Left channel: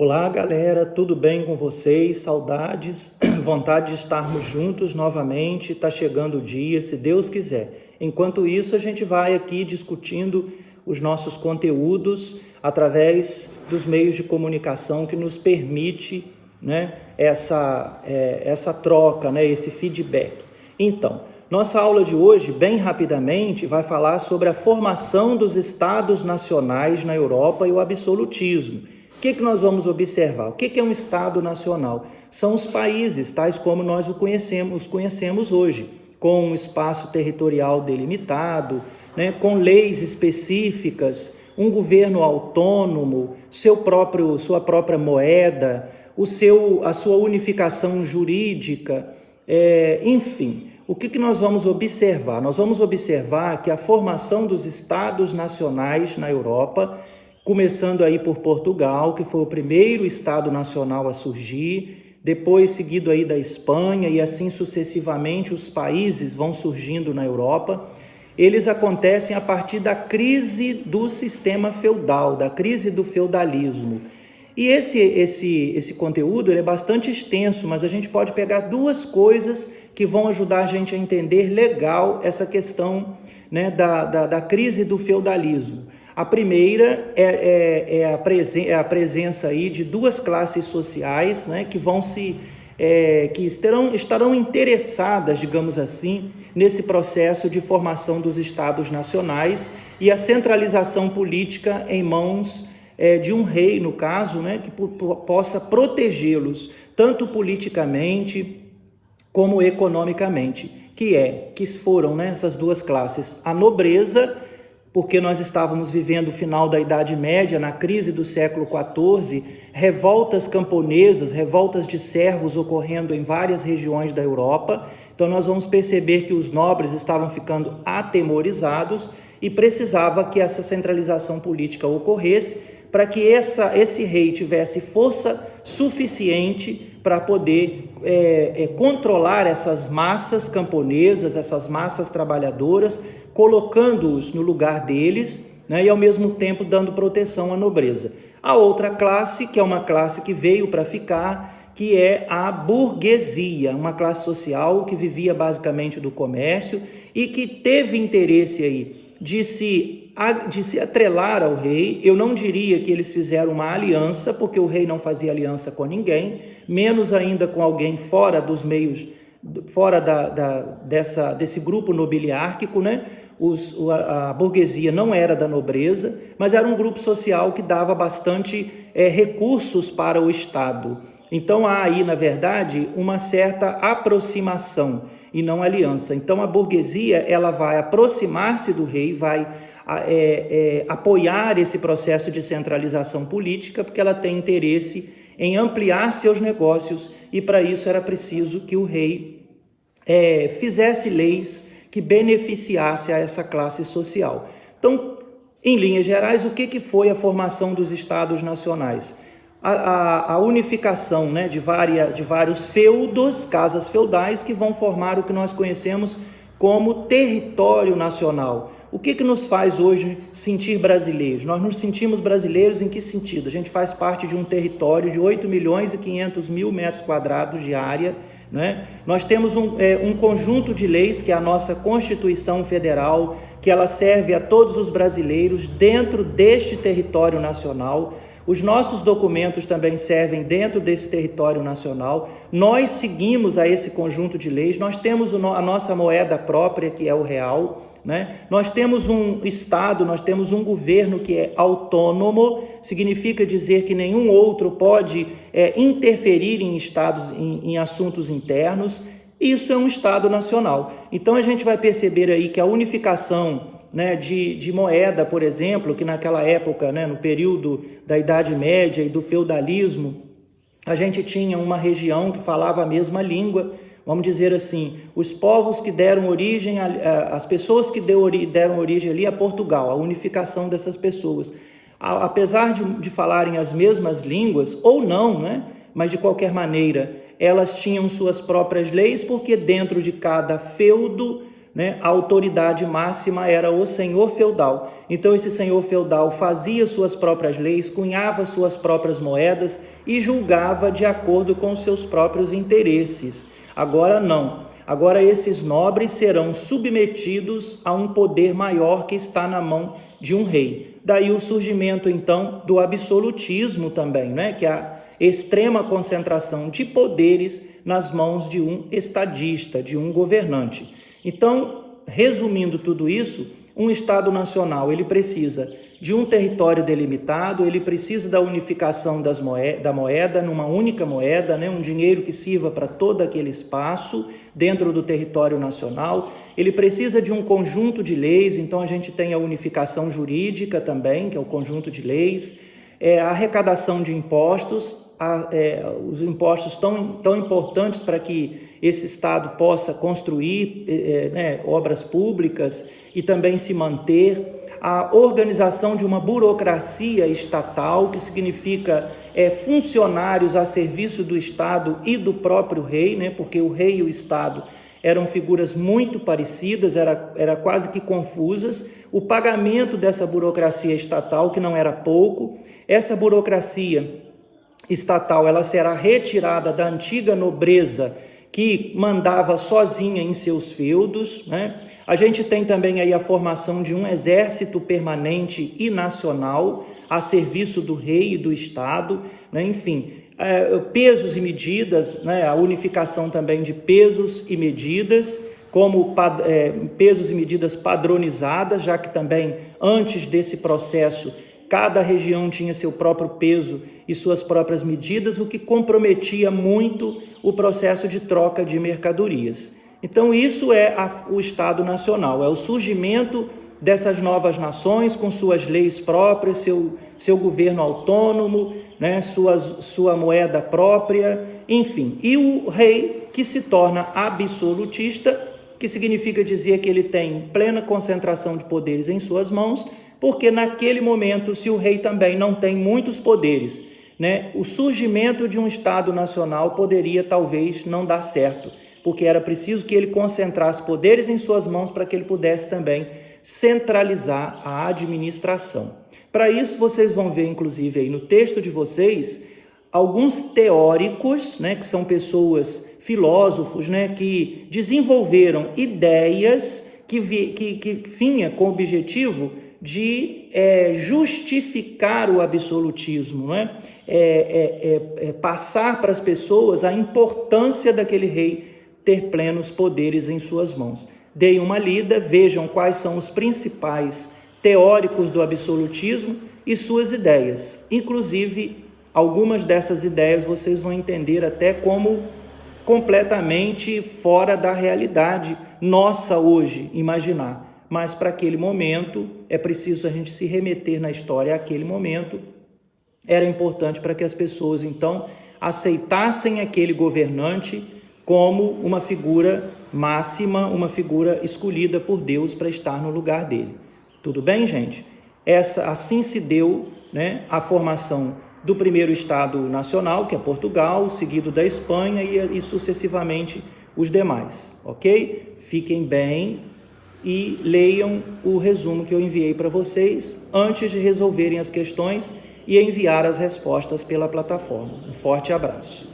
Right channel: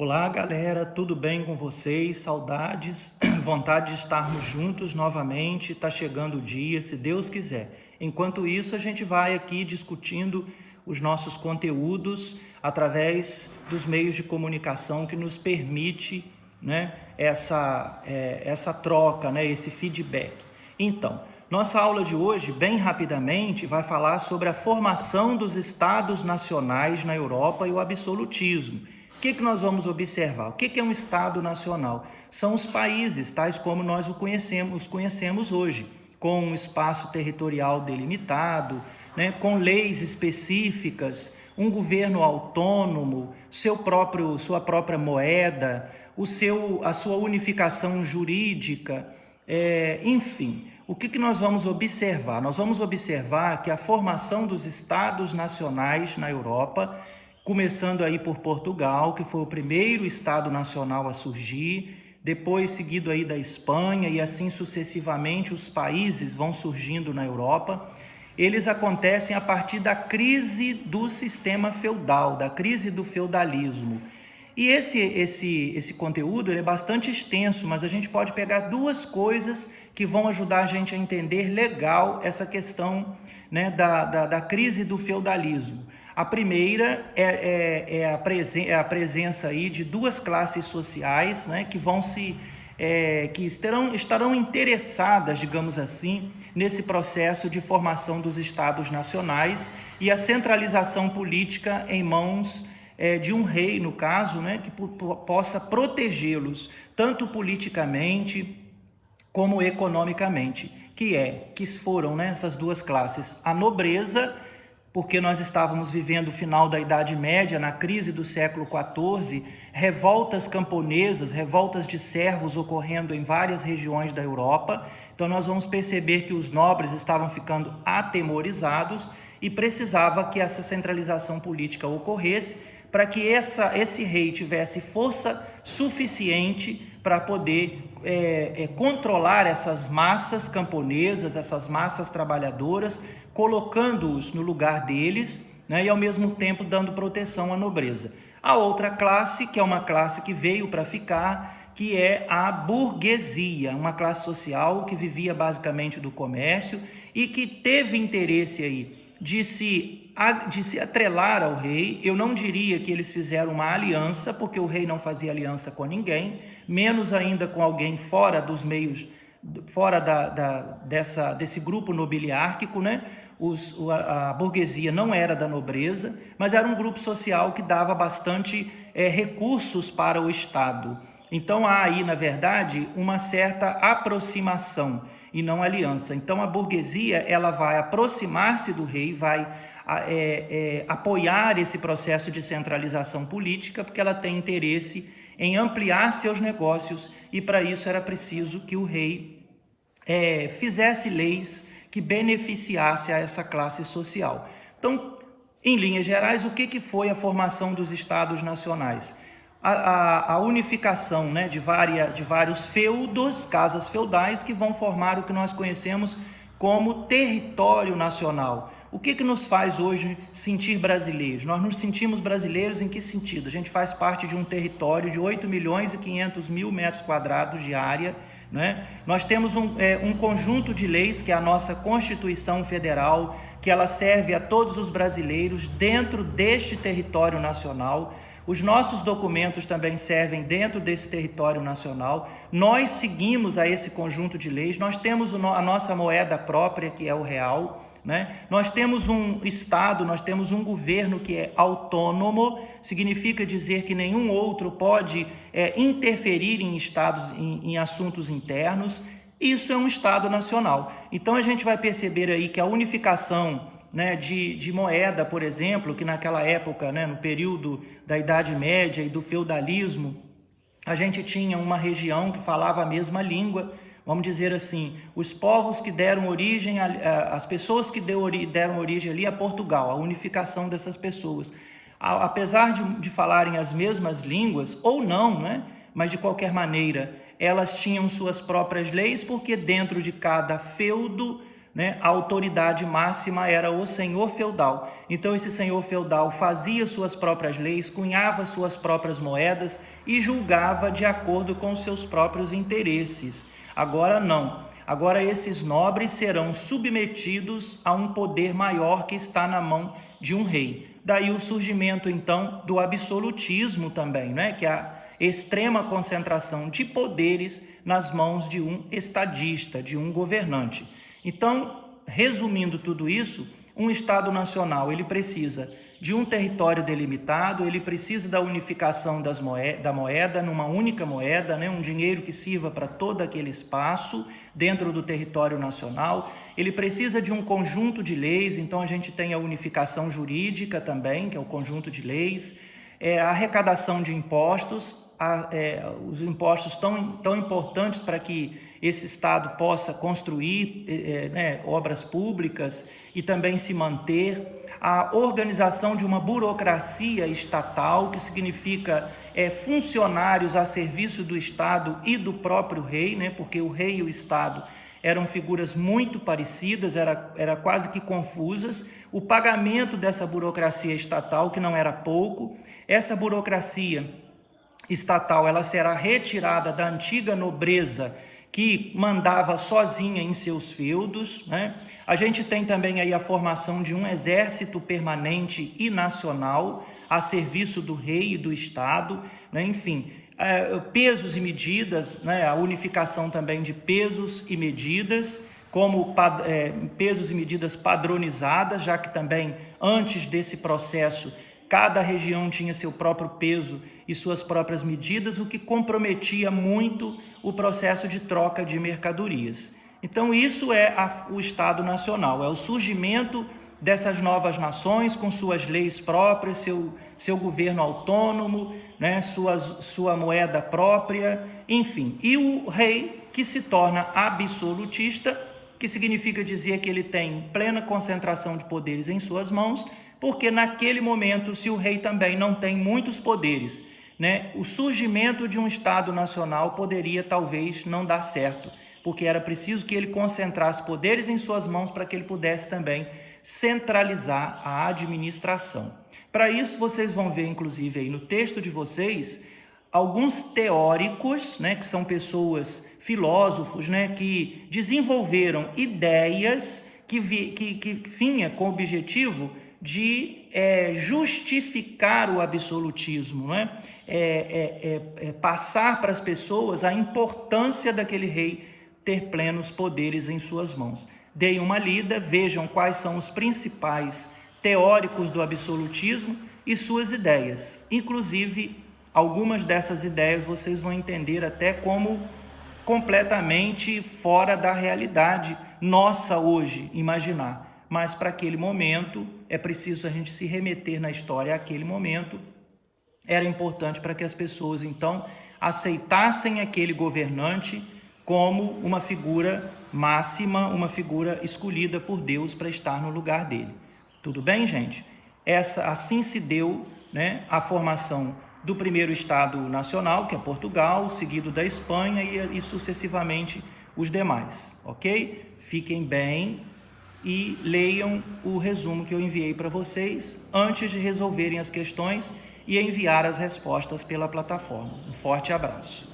Olá, galera, tudo bem com vocês? Saudades, vontade de estarmos juntos novamente. Está chegando o dia, se Deus quiser. Enquanto isso, a gente vai aqui discutindo os nossos conteúdos através dos meios de comunicação que nos permite, né, essa troca, né, esse feedback. Então, nossa aula de hoje, bem rapidamente, vai falar sobre a formação dos estados nacionais na Europa e o absolutismo. O que nós vamos observar? O que é um Estado nacional? São os países, tais como nós os conhecemos hoje, com um espaço territorial delimitado, né, com leis específicas, um governo autônomo, sua própria moeda, a sua unificação jurídica, enfim. O que nós vamos observar? Nós vamos observar que a formação dos Estados nacionais na Europa, começando aí por Portugal, que foi o primeiro Estado nacional a surgir, depois seguido aí da Espanha e assim sucessivamente os países vão surgindo na Europa, eles acontecem a partir da crise do sistema feudal, da crise do feudalismo. E esse conteúdo ele é bastante extenso, mas a gente pode pegar duas coisas que vão ajudar a gente a entender legal essa questão, né, da crise do feudalismo. A primeira é a presença aí de duas classes sociais, né, que estarão interessadas, digamos assim, nesse processo de formação dos estados nacionais e a centralização política em mãos de um rei, no caso, né, que possa protegê-los, tanto politicamente como economicamente, que foram, né, essas duas classes, a nobreza, porque nós estávamos vivendo o final da Idade Média, na crise do século XIV, revoltas camponesas, revoltas de servos ocorrendo em várias regiões da Europa. Então nós vamos perceber que os nobres estavam ficando atemorizados e precisava que essa centralização política ocorresse para que esse rei tivesse força suficiente para poder controlar essas massas camponesas, essas massas trabalhadoras, colocando-os no lugar deles, né, e ao mesmo tempo dando proteção à nobreza. A outra classe, que é uma classe que veio para ficar, que é a burguesia, uma classe social que vivia basicamente do comércio e que teve interesse aí de se atrelar ao rei. Eu não diria que eles fizeram uma aliança, porque o rei não fazia aliança com ninguém, menos ainda com alguém fora dos meios, fora desse grupo nobiliárquico, né? A burguesia não era da nobreza, mas era um grupo social que dava bastante recursos para o Estado. Então há aí, na verdade, uma certa aproximação e não aliança. Então a burguesia ela vai aproximar-se do rei, vai apoiar esse processo de centralização política, porque ela tem interesse em ampliar seus negócios e para isso era preciso que o rei fizesse leis que beneficiasse a essa classe social. Então, em linhas gerais, o que foi a formação dos estados nacionais? A unificação, né, de vários feudos, casas feudais, que vão formar o que nós conhecemos como território nacional. O que nos faz hoje sentir brasileiros? Nós nos sentimos brasileiros em que sentido? A gente faz parte de um território de 8.500.000 metros quadrados de área, né? Nós temos um conjunto de leis, que é a nossa Constituição Federal, que ela serve a todos os brasileiros dentro deste território nacional. Os nossos documentos também servem dentro desse território nacional. Nós seguimos a esse conjunto de leis. Nós temos a nossa moeda própria, que é o real, né? Nós temos um Estado, nós temos um governo que é autônomo, significa dizer que nenhum outro pode interferir em estados, em assuntos internos. Isso é um Estado nacional. Então a gente vai perceber aí que a unificação, né, de moeda, por exemplo, que naquela época, né, no período da Idade Média e do feudalismo, a gente tinha uma região que falava a mesma língua. Vamos dizer assim, os povos que deram origem, as pessoas que deram origem ali a Portugal, a unificação dessas pessoas. Apesar de falarem as mesmas línguas, ou não, né? Mas de qualquer maneira, elas tinham suas próprias leis, porque dentro de cada feudo né, a autoridade máxima era o senhor feudal. Então esse senhor feudal fazia suas próprias leis, cunhava suas próprias moedas e julgava de acordo com seus próprios interesses. Agora não. Agora esses nobres serão submetidos a um poder maior que está na mão de um rei. Daí o surgimento então do absolutismo também, né, que é a extrema concentração de poderes nas mãos de um estadista, de um governante. Então, resumindo tudo isso, um Estado nacional, ele precisa de um território delimitado, ele precisa da unificação da moeda numa única moeda, né? Um dinheiro que sirva para todo aquele espaço dentro do território nacional. Ele precisa de um conjunto de leis, então a gente tem a unificação jurídica também, que é o conjunto de leis, a arrecadação de impostos, os impostos tão importantes para que esse Estado possa construir obras públicas e também se manter, a organização de uma burocracia estatal, que significa funcionários a serviço do Estado e do próprio rei, né? Porque o rei e o Estado eram figuras muito parecidas, era quase que confusas. O pagamento dessa burocracia estatal, que não era pouco, essa burocracia estatal, ela será retirada da antiga nobreza que mandava sozinha em seus feudos, né? A gente tem também aí a formação de um exército permanente e nacional a serviço do rei e do Estado, né? Enfim, pesos e medidas, né? A unificação também de pesos e medidas, como pesos e medidas padronizadas, já que também antes desse processo cada região tinha seu próprio peso e suas próprias medidas, o que comprometia muito o processo de troca de mercadorias. Então isso é o Estado Nacional, é o surgimento dessas novas nações com suas leis próprias, seu governo autônomo, né, sua moeda própria, enfim. E o rei, que se torna absolutista, que significa dizer que ele tem plena concentração de poderes em suas mãos, porque naquele momento, se o rei também não tem muitos poderes, né, o surgimento de um Estado nacional poderia talvez não dar certo, porque era preciso que ele concentrasse poderes em suas mãos para que ele pudesse também centralizar a administração. Para isso, vocês vão ver, inclusive, aí no texto de vocês, alguns teóricos, né, que são pessoas, filósofos, né, que desenvolveram ideias que vinha com o objetivo de justificar o absolutismo, né? Passar para as pessoas a importância daquele rei ter plenos poderes em suas mãos. Deem uma lida, vejam quais são os principais teóricos do absolutismo e suas ideias. Inclusive, algumas dessas ideias vocês vão entender até como completamente fora da realidade nossa hoje, imaginar. Mas para aquele momento, é preciso a gente se remeter na história àquele momento. Era importante para que as pessoas, então, aceitassem aquele governante como uma figura máxima, uma figura escolhida por Deus para estar no lugar dele. Tudo bem, gente? Assim se deu, né, a formação do primeiro Estado nacional, que é Portugal, seguido da Espanha e sucessivamente os demais, ok? Fiquem bem e leiam o resumo que eu enviei para vocês antes de resolverem as questões e enviar as respostas pela plataforma. Um forte abraço.